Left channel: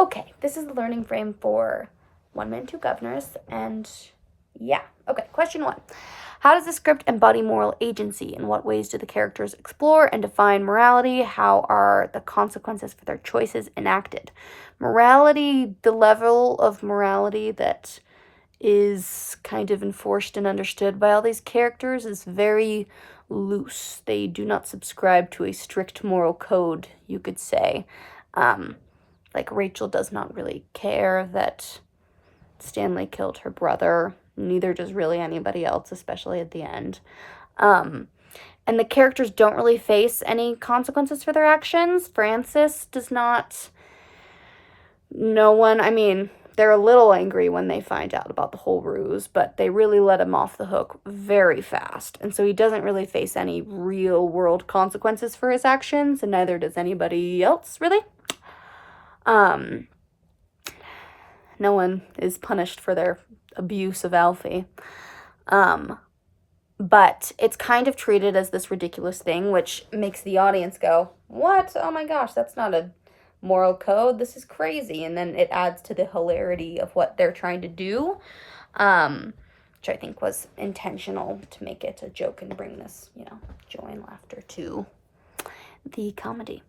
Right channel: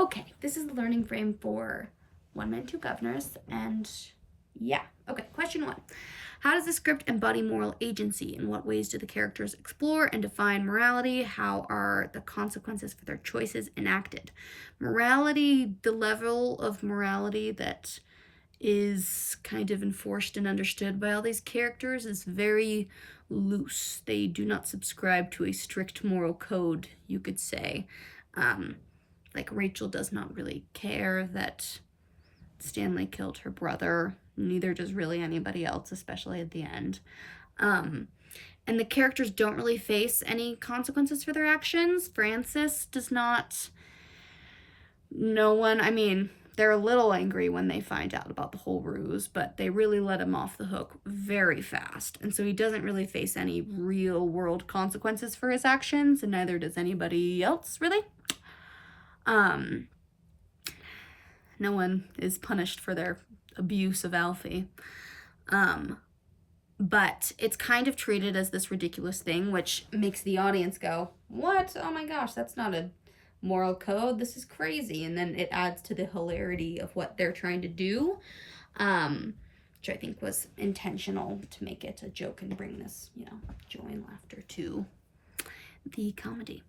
Okay, this is the learning frame for One Man, Two Governors, and yeah. Okay, question 1. How does the script embody moral agency? In what ways do the characters explore and define morality? How are the consequences for their choices enacted? Morality, the level of morality that is kind of enforced and understood by all these characters is very loose. They do not subscribe to a strict moral code, you could say. Like Rachel does not really care that Stanley killed her brother. Neither does really anybody else, especially at the end. And the characters don't really face any consequences for their actions. Francis does not. No one, I mean, they're a little angry when they find out about the whole ruse, but they really let him off the hook very fast. And so he doesn't really face any real world consequences for his actions, and neither does anybody else, really. No one is punished for their abuse of Alfie. But it's kind of treated as this ridiculous thing, which makes the audience go, what? Oh my gosh, that's not a moral code. This is crazy. And then it adds to the hilarity of what they're trying to do, which I think was intentional to make it a joke and bring this, joy and laughter to the comedy.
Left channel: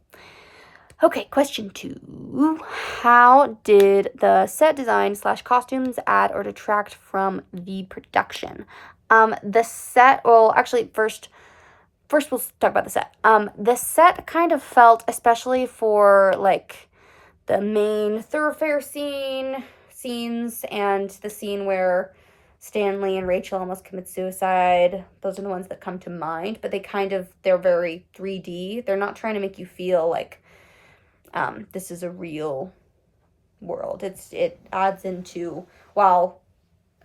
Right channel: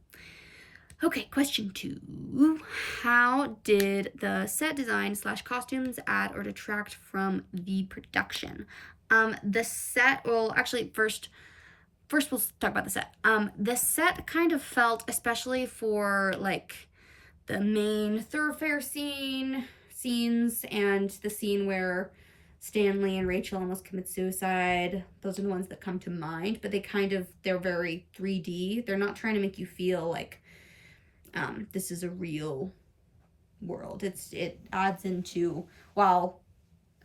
Okay, question 2. How did the set design / costumes add or detract from the production? The set, well, actually, first we'll talk about the set. The set kind of felt, especially for, like, the main thoroughfare scenes and the scene where Stanley and Rachel almost commit suicide. Those are the ones that come to mind, but they're very 3D. They're not trying to make you feel like this is a real world. It adds into, while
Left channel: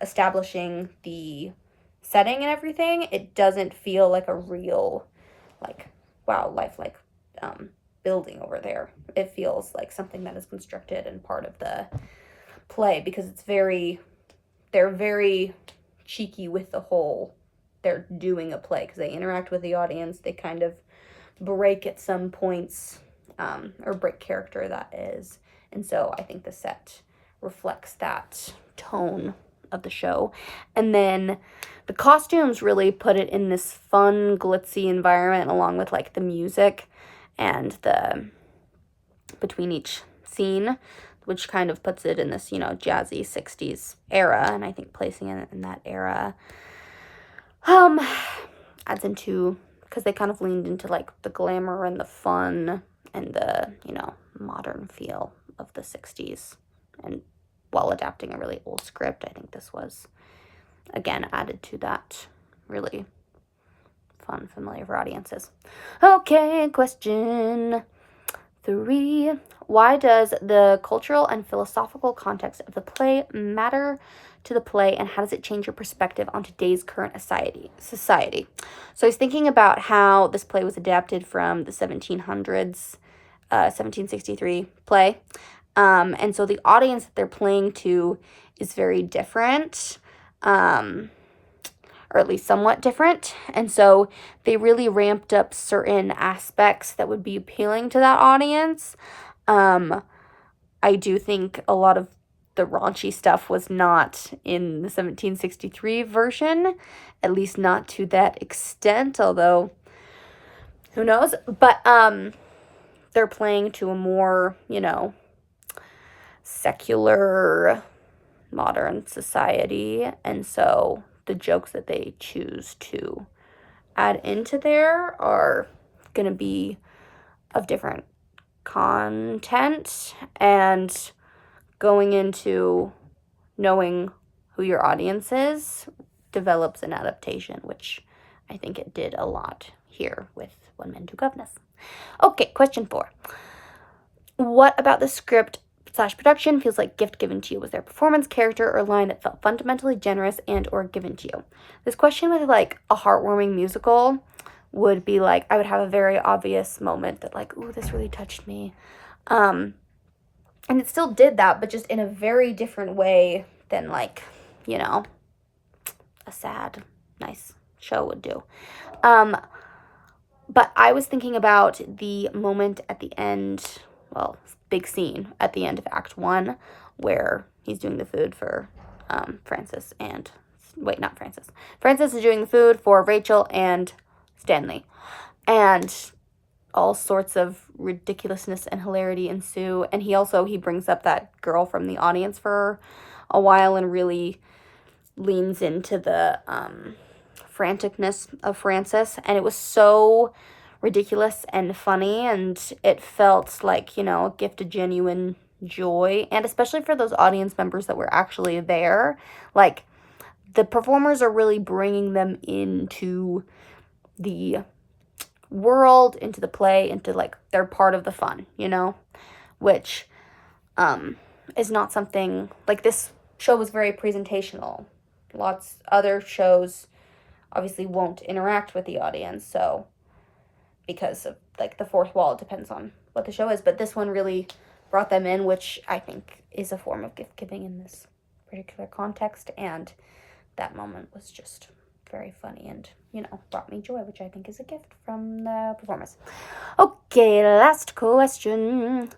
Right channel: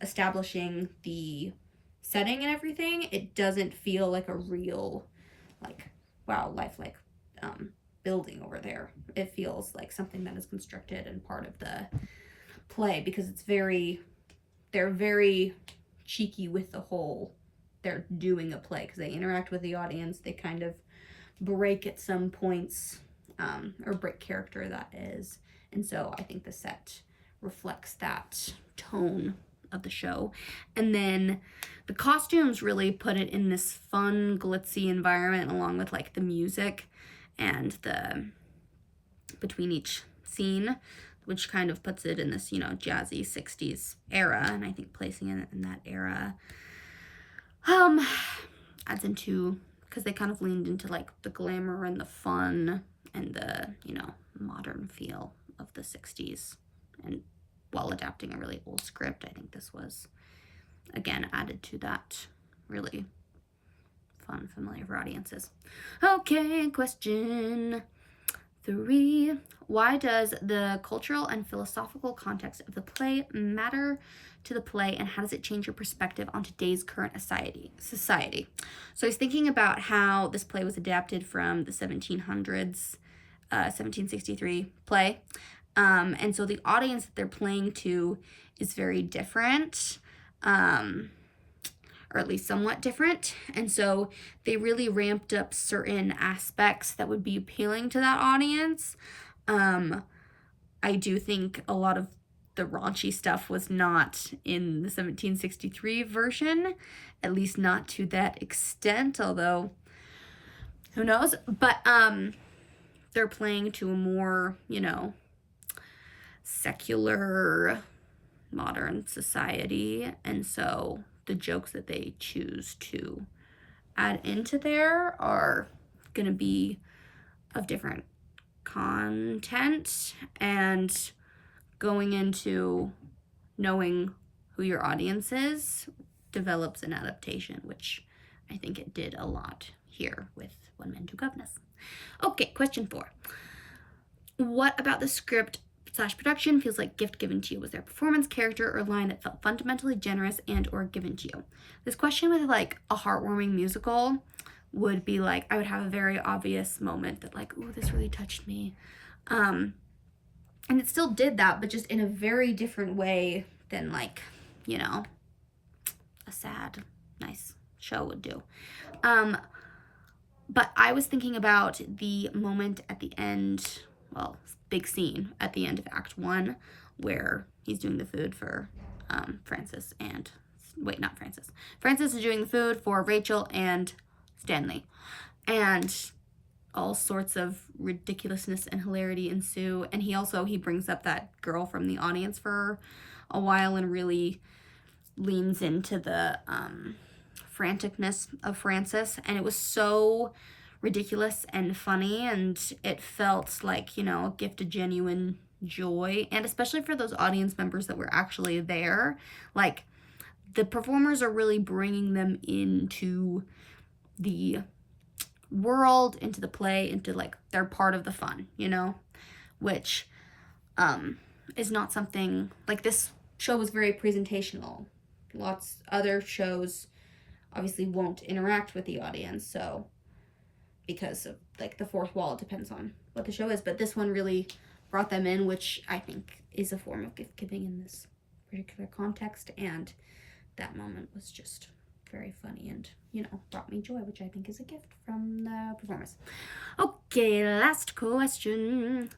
establishing the setting and everything, it doesn't feel like a real, like, wow, lifelike building over there. It feels like something that is constructed and part of the play, because they're very cheeky with the whole, they're doing a play, because they interact with the audience. They kind of break at some points, or break character, that is. And so I think the set reflects that tone of the show. And then the costumes really put it in this fun, glitzy environment, along with, like, the music and the between each scene, which kind of puts it in this, jazzy 60s era. And I think placing it in that era adds into, because they kind of leaned into, like, the glamour and the fun and the, modern feel of the 60s. And while adapting a really old script, I think this was, again, added to that really fun, familiar for audiences. Okay, question 3. Why does the cultural and philosophical context of the play matter to the play, and how does it change your perspective on today's current society? So I was thinking about how this play was adapted from the 1700s, 1763 play. And so the audience that they're playing to is very different, or at least somewhat different. And so they really ramped up certain aspects that would be appealing to that audience. I do think a lot of the raunchy stuff was not in the 1763 version, at least not to that extent, although who knows. But they're playing to a more, secular, modern society, and so the jokes that they choose to add into there are going to be of different content, and going into knowing who your audience is develops an adaptation, which I think it did a lot here with One Man, Two Governors. Okay, question 4. What about the script / production feels like gift given to you? Was there a performance, character, or line that felt fundamentally generous and or given to you? This question with, like, a heartwarming musical would be like, I would have a very obvious moment that, like, ooh, this really touched me. And it still did that, but just in a very different way than, like, a sad, nice show would do. But I was thinking about the moment at the end big scene at the end of Act 1 where he's doing the food for Francis and, wait, not Francis. Francis is doing the food for Rachel and Stanley. And all sorts of ridiculousness and hilarity ensue. And he brings up that girl from the audience for a while and really leans into the franticness of Francis. And it was so ridiculous and funny, and it felt like, a gift of genuine joy. And especially for those audience members that were actually there, like, the performers are really bringing them into the world, into the play, into, like, they're part of the fun, which is not something, like, this show was very presentational. Lots other shows obviously won't interact with the audience, so because of, like, the fourth wall, it depends on what the show is, but this one really brought them in, which I think is a form of gift giving in this particular context, and that moment was just very funny and, brought me joy, which I think is a gift from the performers. Okay, last question.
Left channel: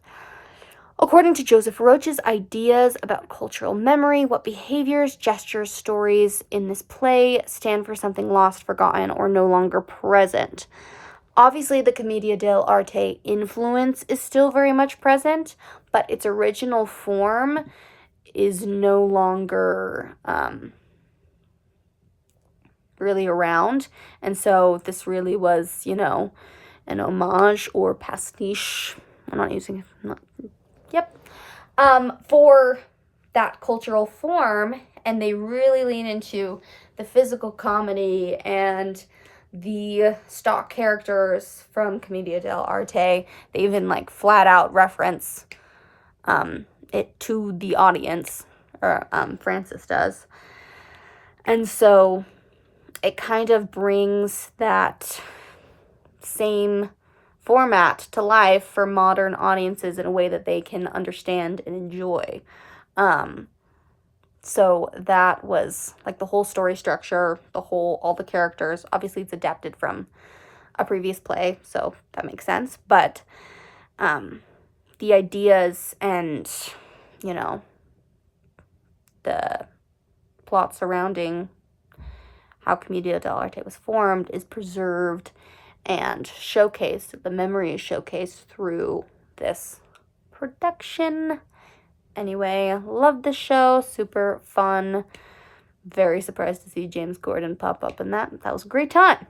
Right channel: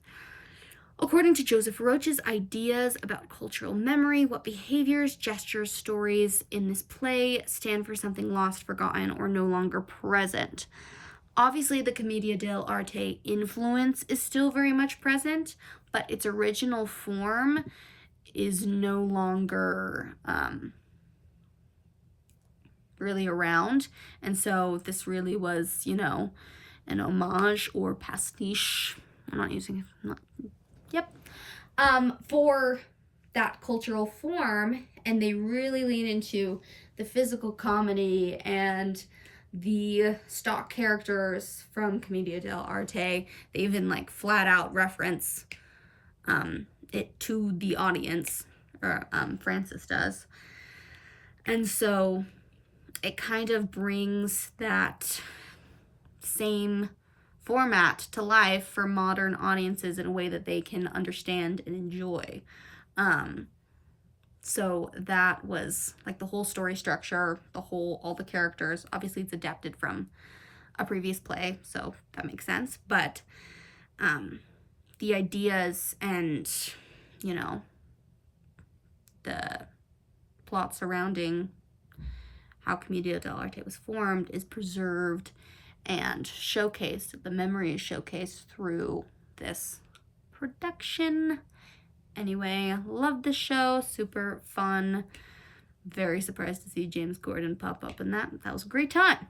According to Joseph Roach's ideas about cultural memory, what behaviors, gestures, stories in this play stand for something lost, forgotten, or no longer present? Obviously, the Commedia dell'arte influence is still very much present, but its original form is no longer really around. And so this really was, an homage or pastiche. I'm not using it. Yep. For that cultural form, and they really lean into the physical comedy and the stock characters from Commedia dell'arte. They even, like, flat out reference it to the audience, or Francis does. And so it kind of brings that same format to life for modern audiences in a way that they can understand and enjoy. So that was, like, the whole story structure, all the characters. Obviously, it's adapted from a previous play, so that makes sense. But the ideas and, the plot surrounding how Commedia dell'arte was formed is preserved and showcased. The memory is showcased through this production. Anyway, love the show. Super fun. Very surprised to see James Corden pop up in that. That was a great time.